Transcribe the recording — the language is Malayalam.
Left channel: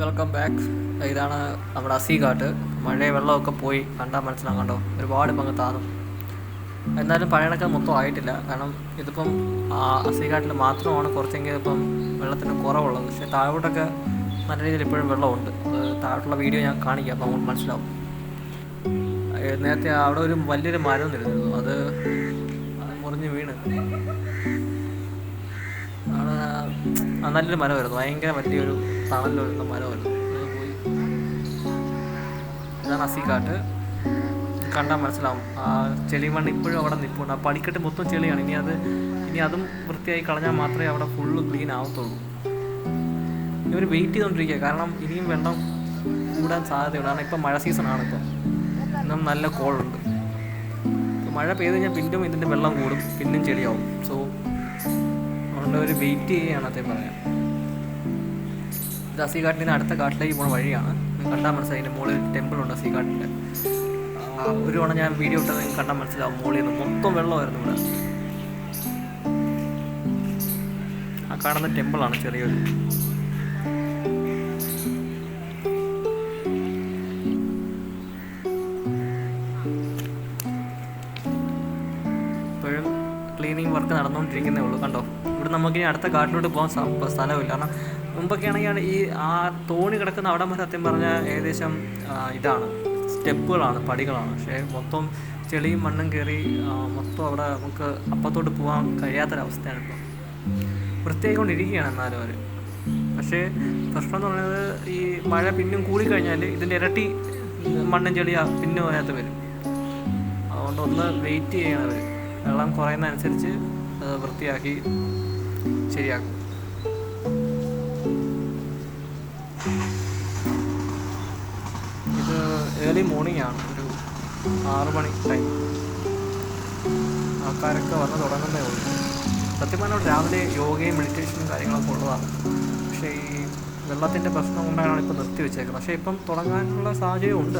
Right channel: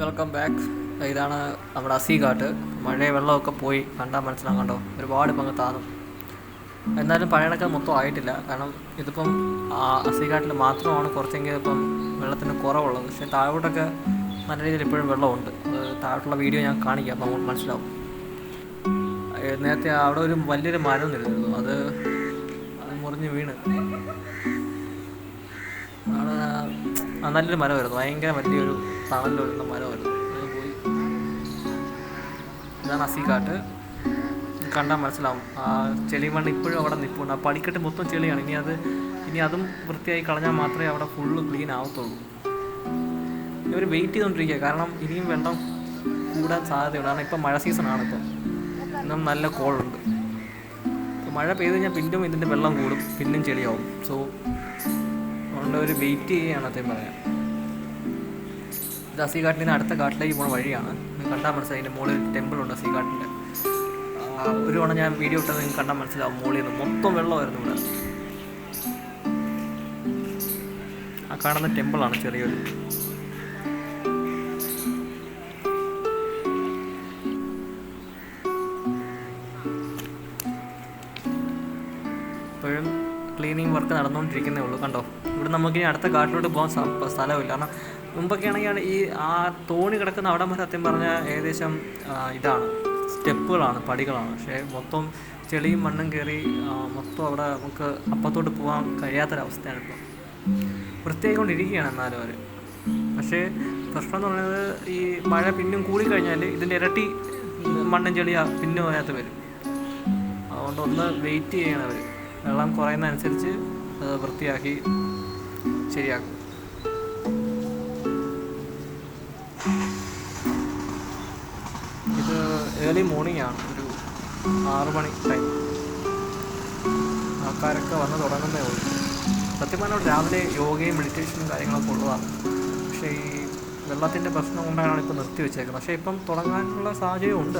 Welcome back. ഇതാണ് നമ്മുടെ അസീഘാട്ട്. മഴയും വെള്ളമൊക്കെ പോയി കണ്ടാൽ മനസ്സിലാകും. കണ്ടോ, ഒരുപാട് പങ്ക് താന്നു. എന്നാലും പഴയണക്ക് മൊത്തം ആയിട്ടില്ല. കാരണം ഇതിപ്പം അസീഘാട്ടിൽ മാത്രമാണ് കുറച്ചെങ്കിലും ഇപ്പം വെള്ളത്തിന് കുറവുള്ളത്. പക്ഷേ താഴോട്ടൊക്കെ നല്ല രീതിയിൽ ഇപ്പോഴും വെള്ളമുണ്ട്. അത് താഴോട്ടുള്ള വീഡിയോ ഞാൻ കാണിക്കാം, അപ്പോൾ നമുക്ക് മനസ്സിലാവും. നേരത്തെ അവിടെ ഒരു വലിയൊരു മരം നിന്നിരുന്നു, അത് മുറിഞ്ഞ് വീണ്. അവിടെ നല്ലൊരു മരമായിരുന്നു, ഭയങ്കര വലിയൊരു തണലിൽ വരുന്ന മരമായിരുന്നു, അത് പോയി. ഇതാണ് അസീഘാട്ട്. കണ്ടാൽ മനസ്സിലാവും. ആ ചെളിമണ്ണ് ഇപ്പോഴും അവിടെ നിൽപ്പുണ്ട്. ആ പടിക്കെട്ട് മൊത്തം ചെളിയാണ്. ഇനി അതും വൃത്തിയായി കളഞ്ഞാൽ മാത്രമേ അവിടെ ഫുള്ള് ക്ലീൻ ആവത്തുള്ളൂ. ഇവർ വെയിറ്റ് ചെയ്തുകൊണ്ടിരിക്കുക, കാരണം ഇനിയും വെള്ളം കൂടാൻ സാധ്യതയുണ്ട്. കാരണം ഇപ്പം മഴ സീസണാണ്. ഇന്നും നല്ല കോളുണ്ട്. മഴ പെയ്ത് കഴിഞ്ഞാൽ പിന്നും ഇതിൻ്റെ വെള്ളം കൂടും, പിന്നും ചെളിയാവും. സോ അതുകൊണ്ട് അവർ വെയിറ്റ് ചെയ്യുകയാണ്, അതേ പറയാം. ഇത് അസീഘാട്ടിൽ നിന്ന് അടുത്ത കാട്ടിലേക്ക് പോകുന്ന വഴിയാണ്. കണ്ടാൽ മനസ്സിലായി. അതിൻ്റെ മുകളിൽ ടെമ്പിളുണ്ട് അസീഘാട്ടിൻ്റെ. ഒരു തവണ ഞാൻ വീഡിയോ ഇട്ടത് നിങ്ങൾക്ക് കണ്ടാൽ മനസ്സിലാവും. മുകളിൽ നിന്ന് മൊത്തം വെള്ളമായിരുന്നു ഇവിടെ. ആ കാണുന്ന ടെമ്പിളാണ് ചെറിയൊരു. ഇപ്പോഴും ക്ലീനിങ് വർക്ക് നടന്നുകൊണ്ടിരിക്കുന്നേ ഉള്ളൂ. കണ്ടോ, ഇവിടെ നമുക്കിനി അടുത്ത കാട്ടിലോട്ട് പോകാൻ സ്ഥലമില്ല. കാരണം മുമ്പൊക്കെ ആണെങ്കിൽ ഈ ആ തോണി കിടക്കുന്ന അവിടെ വരെ സത്യം പറഞ്ഞാൽ ഏകദേശം ഇതാണ്, സ്റ്റെപ്പുകളാണ്, പടികളാണ്. പക്ഷേ മൊത്തം ചെളിയും മണ്ണും കയറി മൊത്തം അവിടെ നമുക്ക് അപ്പത്തോട്ട് പോകാൻ കഴിയാത്തൊരവസ്ഥയാണ് ഇപ്പോൾ. വൃത്തിയായിക്കൊണ്ടിരിക്കുകയാണ് എന്നാലും അവർ. പക്ഷേ പ്രശ്നം എന്ന് പറയുന്നത്, ഈ മഴ പിന്നും കൂടിക്കഴിഞ്ഞാൽ ഇതിൻ്റെ ഇരട്ടി മണ്ണും ചെളിയാ പിന്നും അതിനകത്ത് വരും. അതുകൊണ്ട് ഒന്ന് വെയിറ്റ് ചെയ്യണം അവർ. വെള്ളം കുറയുന്നതനുസരിച്ച് വൃത്തിയാക്കി ശരിയാക്കും. ഇത് ഏർലി മോർണിംഗ് ആണ്, ഒരു 6 മണി ടൈം. ആൾക്കാരൊക്കെ വന്ന് തുടങ്ങുന്നേ ഉള്ളൂ. സത്യം പറഞ്ഞാൽ രാവിലെ യോഗയും മെഡിറ്റേഷനും കാര്യങ്ങളൊക്കെ ഉള്ളതാണ്. പക്ഷേ ഈ വെള്ളത്തിൻ്റെ പ്രശ്നം കൊണ്ടാണ് ഇപ്പോൾ നിർത്തി വെച്ചേക്കുന്നത്. പക്ഷേ ഇപ്പം തുടങ്ങാനുള്ള സാഹചര്യം ഉണ്ട്.